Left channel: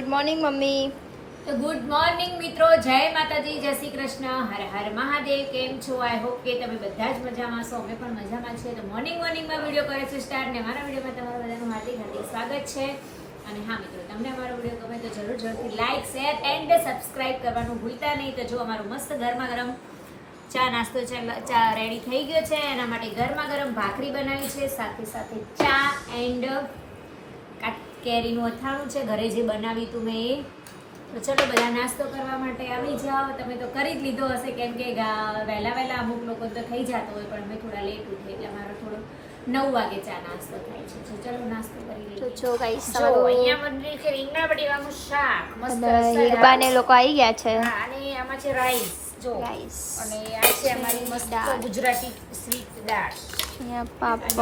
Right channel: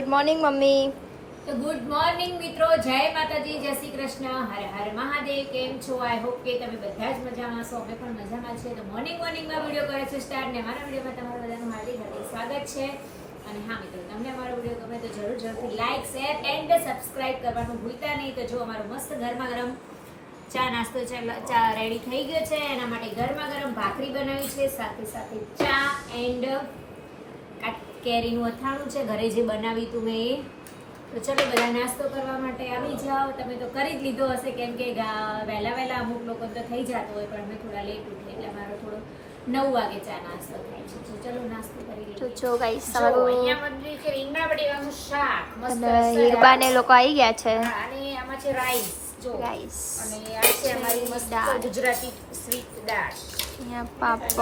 Good morning mummy. તો good morning મિત્રો, જય માતાજી, જય શ્રી કૃષ્ણ, હર હર મહાદેવ. કેમ છો? આઈ હોપ કે તમે બધા જ મજામાં છો. અમે પણ મજામાં છીએ. તો મોર્નિંગમાં વિડીયો કરે છે સ્ટાર્ટ, ને મારા વિડીયોમાં તમારું બધાનું હાર્દિક સ્વાગત છે. અને હા મિત્રો, તમને અમારો વિડીયો ગમે તો જરૂરથી લાઈક, શેર એન્ડ સબસ્ક્રાઇબ કરવાનું ભૂલતા નહીં. તો જો અમારું મસ્ત ગરમા ગરમ ચા નાસ્તો ચા રેડી થઈ ગયો છે. એના માટે ગરમા ગરમ ભાખરી બનાવી છે, સાથે સાથે ચા એન્ડ કેરીનું અથાણું છે, ઘરે જે બનાવી તું મેં એ. તો ચલો બધા નાસ્તો કરવા માટે આવી જાઓ. તમે તો કરી જ લીધો હશે, કેમ કે વહેલા અમુક લોકો તો થઈ જતો હોય, પણ અમે થોડા લેટ ઉઠીએ એટલે અમારો થોડો 9 વાગે ચા નાસ્તો થાય છે. તો ચલો નાસ્તો કરી લઈએ. તો જો ગાઈસ જો અહીંયા મંદિર છે, રીંગણા બટેકાનું શાક મસ્ત હીરબાને લોકો આવી ગયા છે. હા, અને આમાં છે રાઈસ જો રાઈસ, અને આ છે અમારી મસ્ત ગુજરાતી સ્વીટ દાળ. અહીંયા પાપડ,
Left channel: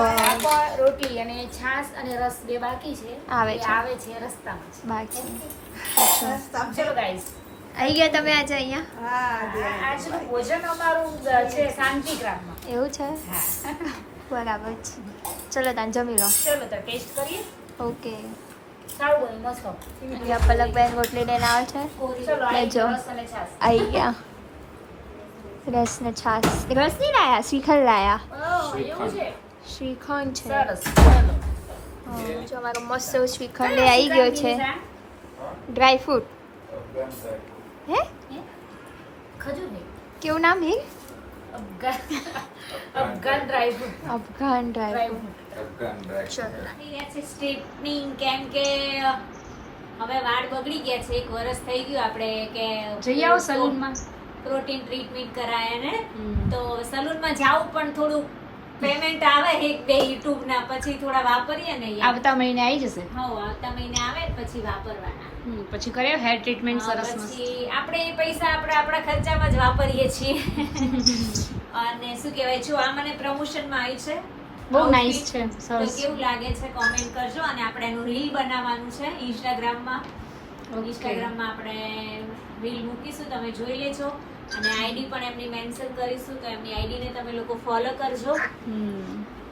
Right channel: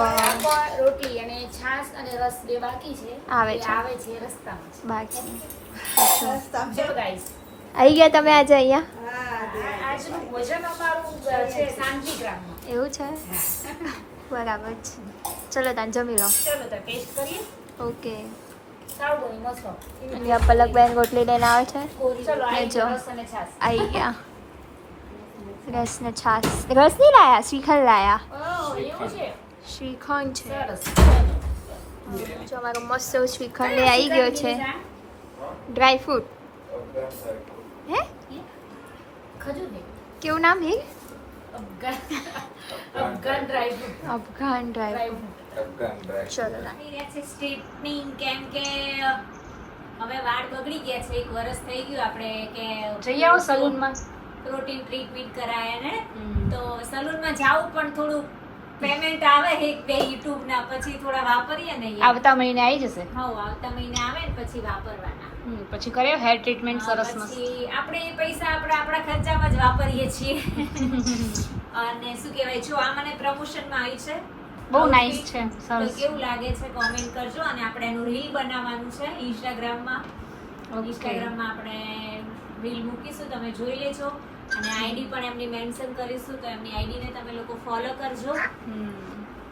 રોટલી અને છાશ અને રસ બે બાકી છે, આવે છે રસ્તામાં છે બાકી. ચલો ગાઈસ, આવી ગયા તમે આજે અહીંયા? આજનું ભોજન અમારું છે શાંતિગ્રામમાં. એવું છે? બરાબર છે. ચલો તાન જમી લો. ચલો તો ટેસ્ટ કરીએ. ઓકે. સારું બની મસ્ત. અહીંયા પલકબેન રોટલી લઈને આવે છે. ચલો આ લેજો. રસ અને છાશ. આવી ગયા. રસ ને છાશ. રસ નહીં લાયા, શ્રીખંડ લાયા. એવું છે? શ્રીખંડ છે. સરસ. ચલો. જો અમારો મસ્ત એવું શ્રીખંડ આવી ગયો છે. Dry fruit. હે ખજૂર ને કેવું નામ હે? Afghan dry fruit. Afghan dry fruit. ચલો સ્ટ્રીટનિંગ, કેમ કે હવે વાળ બગડી ગયા છે. 1 વર્ષ થઈ ગયું આપણે કે જઈ આવો સલૂનમાં. પ્રોટીન ટ્રીટમેન્ટ કરાયા ને, તો સલૂનમાં જાવું પણ થોડું પેમેન્ટ આવે 1-2 યુટ્યુબ ના, પછી થોડા વાપરીએ ને યાર. આવતા મહિને આવી જશે. હા, આવતા મહિને આવે ને પછી વાપરવાના. પછી કરે હેર ટ્રીટમેન્ટ સરસ મસ્ત. પછી આપણે પૈસા આપણા ખર્ચામાં જ વાપરીએ છીએ. અને શું કહેવાય, જો આ મને પ્રમોશનમાં આવી છે. બહુ નાઈસ છે, તો સરસ. કેવું લાગે છે કોમેન્ટ કરજો. અને આપણે એનું રીલ બનાવવાનું છે ઇન્સ્ટાગ્રામમાં. ઇન્સ્ટાગ્રામમાં આપણે રીલ મૂકીશું, તમે જોઈ લેજો. અને આઈડી પણ એમની મેન્શન કરીશું, તો એમની આઈડી ને તમે લોકો ફોલો કરજો.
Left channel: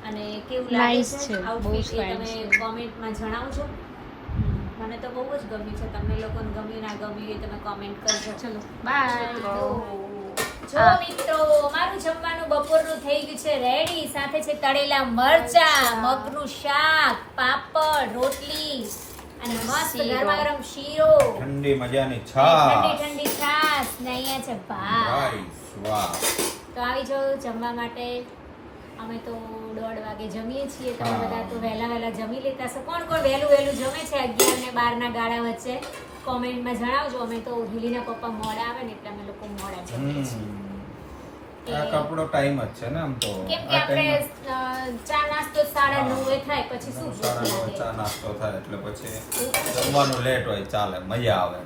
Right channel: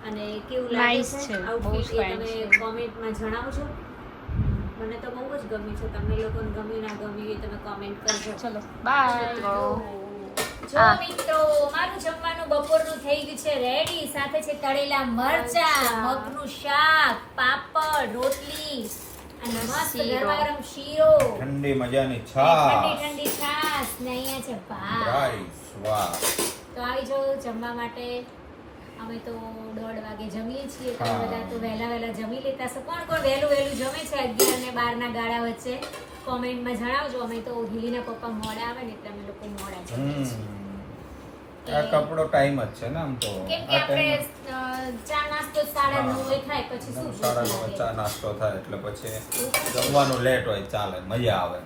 અને કેવું લાગે Nice છે છે, બહુ આઉટફિટ એ fine તમે છે. કોમેન્ટમાં જણાવજો. મને તો બહુ જ ગમ્યું છે. તમને લોકોને ગમ્યું ના ગમ્યું એ તમે કોમેન્ટ કરજો. ચલો બાય. જો મિત્રો, અમારું જમવાનું બપોરનું થઈ ગયું છે રેડી. સાથે છે તળેલા મરચા, મગનું શાક, પાપડ, રોટલી અને મસ્ત ગરમા ગરમ શીરો, ઠંડી મજાની ઠંડી છાશ. ઠંડી છાશ ને અહીંયા છે ભાત. રાઈસ, વાહ. તો આવી જાઓ જમવા માટે. અમે તો 1:30 વાગે જમીએ છીએ. તમે હા. બધા તો વહેલા જમી લેતા છો. કોણ વહેલું જમે છે 11 ને 12 ના ગાળા વચ્ચે? કોમેન્ટમાં જણાવજો. અમે તો ઢીલીના પપ્પા મોડા આવે ને એટલે અમે લોકો મોડા જમીએ છીએ. આ કપડો ટાઈમ જ છે ને આમ તો. કેમ કે આ આપણે ટાઈમ ચા નાસ્તો 9:30 થાય પછી શું ભૂખ 9:30 લાગે? ચા નાસ્તો થાય એટલે પછી જમવાનું લેટ હોય ચાલે, મજા આવે.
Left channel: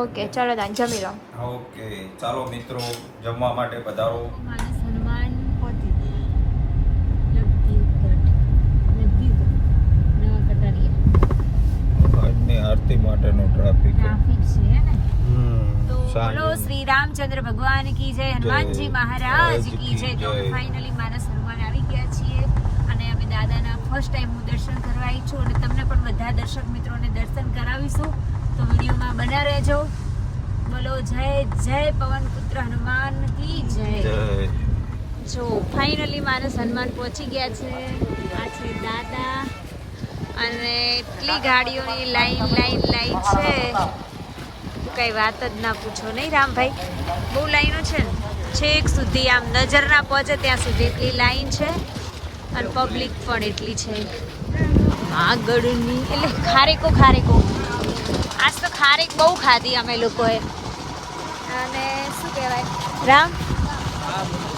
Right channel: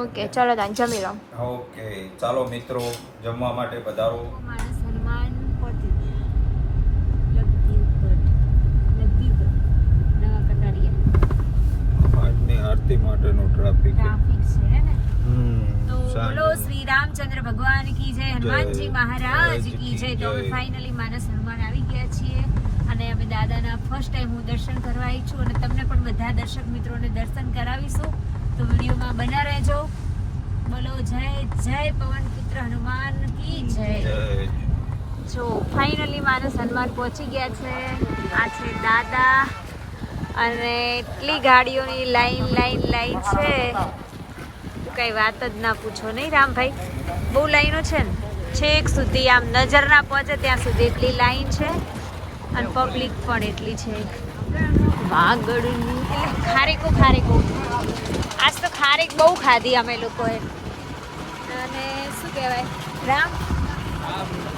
ઓકે, ચલો તાન જમી લો. ઓકે, ચાલો મિત્રો, જમવા માટે પધારો. માણસ હનુમાન પોતી લગતી ઉપર નવા કટારીએ આજની આરતી માટેનો ટ્રાફિક. ટ્રાફિક છે ને. તો બોલો શ્રી રામચંદ્ર ભગવાન કી જય, હનુમાનજી મહારાજ કી જય. તો અમે ફાઇનલી માનસ હનુમાન આવી ગયા છીએ. અને અમે દાદાના ફર્સ્ટ ટાઈમ હું દર્શન કરવા આવી છું. અને તમને પણ બધા દર્શક મિત્રોને દર્શન કરાવીશું. તો વિડીયોમાં બના રહેજો. બોલો જય જય પવન પુત્ર હનુમાન કી જય. જો ફાઇનલી માનસ હનુમાન પહોંચી ગયા છે. આ છે દાદા. અને એટલી ગાડીઓની લાઈન છે, તો કઈ વાત જ ના પૂછો, નહીં રામભાઈ? બહુ લાઈનો છે ને, છેક સુધી આમ નજર ના પહોંચે ત્યાં સુધી એટલી લાઈન છે. અને પબ્લિક પણ એટલી છે. વાગડની એટલે ખારેકો આજ તો ખારેક બહુ ખાધી અમે લોકોએ. અને શું કહેવાય રામ,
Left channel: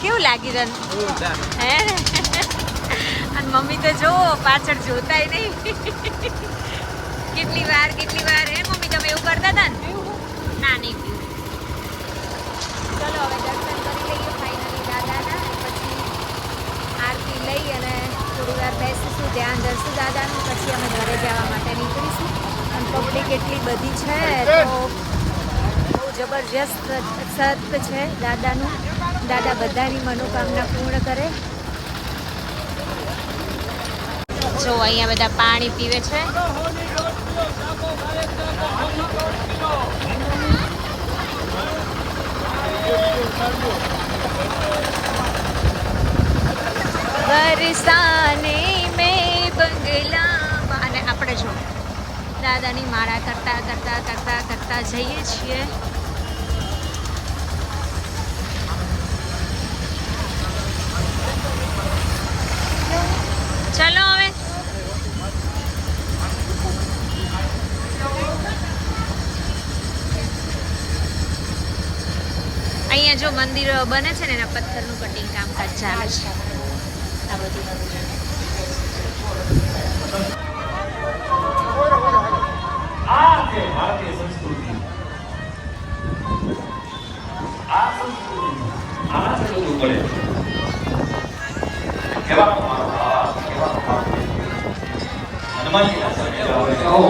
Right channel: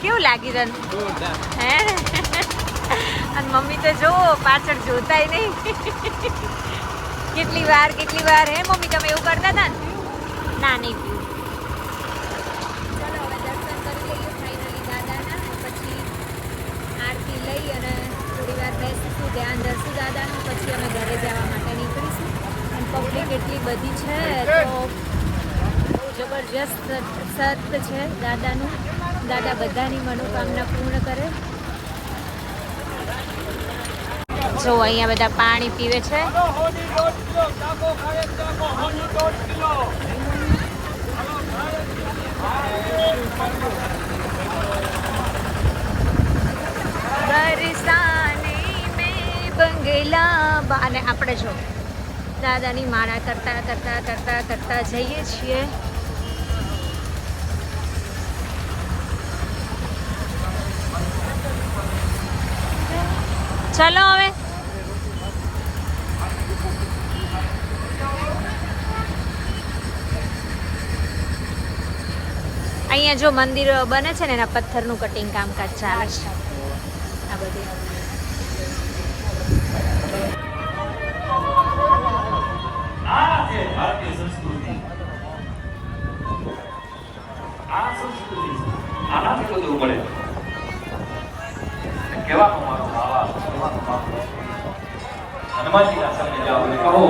કેવું લાગ્યું તને? હે? અને મમ્મી તો જો પાછળ જોતાય નહીં. કેટલી વાર હે મમ્મી, તમે એવું કરતા હતા ને? ના, નહીં પીવું. ચલો હવે દર્શન કરી લઈએ ફાઇનલી દાદાના. પછી આરતી લઈ અને થોડી વાર બેસીશું, ધ્યાન ધરશું દાદાનું. પછી અમે ઘરે જવા માટે નીકળીશું. અને પબ્લિક એટલી બધી છે તો બહુ જબરજસ્ત સત છે દાદાનું. દાદા બધાની મનોકામના પૂર્ણ કરે. જો અહીંયા બધા પાણી પીવે છે. બરસાને મેં બંગલા અને આપણે જો દાદાની માળા કરતા કરતા કરતા કરતા જઈએ છીએ. ચલો હવે અહીંયા જો મંદિર બને છે ને એના પથ્થરનું કટિંગ કામકાજ ચાલે છે આ બધું. આ છે ભારતીય સંસ્કૃતિ. આ સંસ્કૃતિ આનાથી બધું મળે. કહેવાનો મારો ભાવ, કહેવાનો મારો હનુમાનજી આશ્રમે જાઓ કહો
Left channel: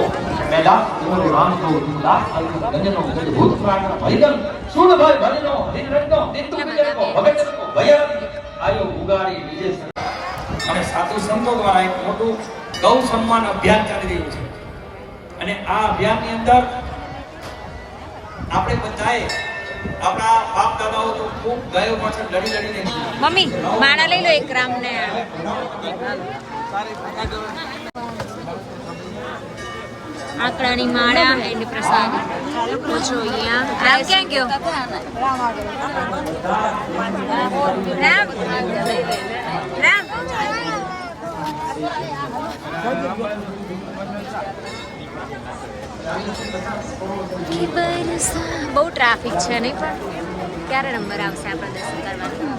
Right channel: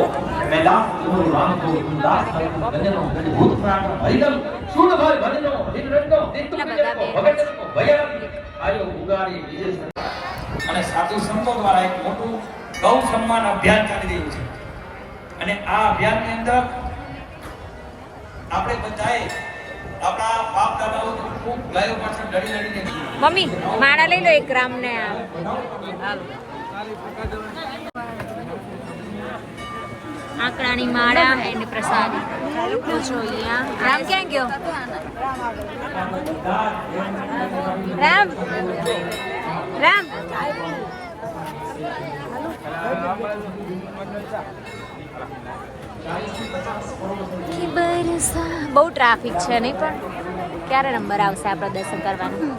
મેં દાસ ગોરે રામ કો તું દાસ કરું ગંજનો ગંજ ભૂત પ્રાણ હરિદમ સુણ ભાઈ ભરનો નિકટનો કેટલા બધા બેન. ભગત આયો ઉગાડી બીજે અને સાધુ સંતો દ્વારા એક મોટું ગૌ સન્માન અભિયાન ચાલી રહ્યું છે. અને આ અભિયાનની અંદર આપણે બધાએ આપણા બાપ દાદાઓ તો ખૂબ ગાયો પાછળ લડી લડીને મમ્મી માળા લઈ લો 1 ગ્રામ ને આકડાની માળા એન્ડ પ્રસાદી. તો જો અહીંયા રામ ક્યાં ગયો? રામ રામ બહુ ટ્રાફિક છે નહીં પણ ક્યારે નંબર આવશે આપણે દર્શન કરવાનું?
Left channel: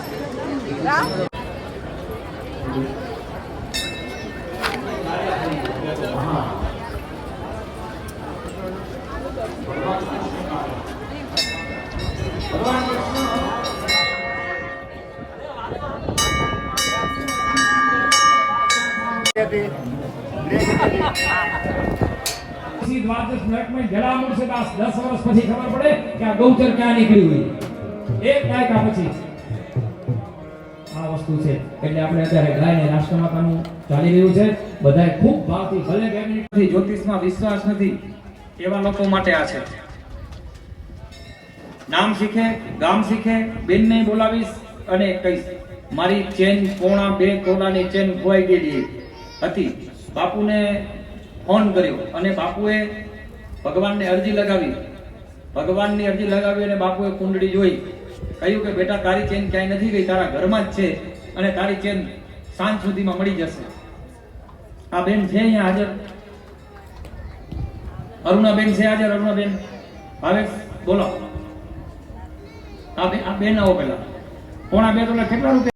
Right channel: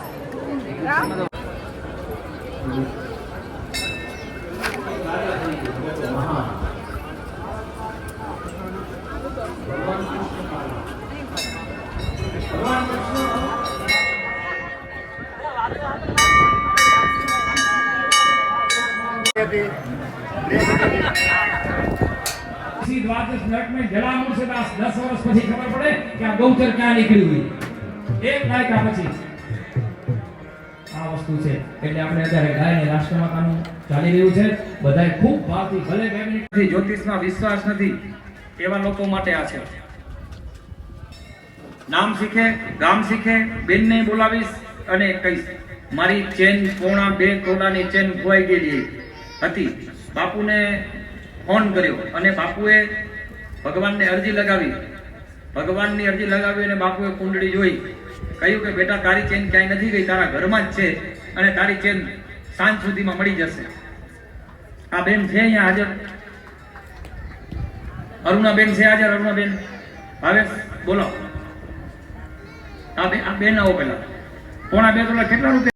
દ્વાદશ મિનિટ में જલામુર से 10 વર્ષ પછી ખબર પડે કે આ ગૌચર ક્યાં નીકળી હોય. એક દાયકા પછી આ વસ્તુ છે. એટલે આપણે અત્યારે ગાયને રાષ્ટ્રમાતાનું ચાલી રહ્યું છે. બધાએ ખૂબ ભાવથી ભલે બેનથી જ્યોતિષમાં વિશ્વાસ નથી એવા લોકો માટે આ છે. નામ શીખે, ગામ શીખે, બેનને બોલાવીશ અને કહીશ મારી ચેન 1.5 તોલાની ચેન ખોવાઈ ગયેલી હતી. બાપુને ફોન કર્યો અને બાપુએ ભગવાનને અરજી લગાવી. ભગવાનની અરજી લગાવી અને બાપુએ કુંડળી જોઈ. કહ્યું કે બેટા તારી ચેન ક્યાંય નથી ગઈ, તારા ઘરમાં જ છે અને તારી ચેન સાંજ સુધીમાં મળી જશે. આ બેન છે અહીંયા હાજર, અરુણાબેન છે હાજર. અરુણાબેન ભાવેશ બોલો. આ બેન આવો પેલા. 1.5 તોલા કેટલા રૂપિયા?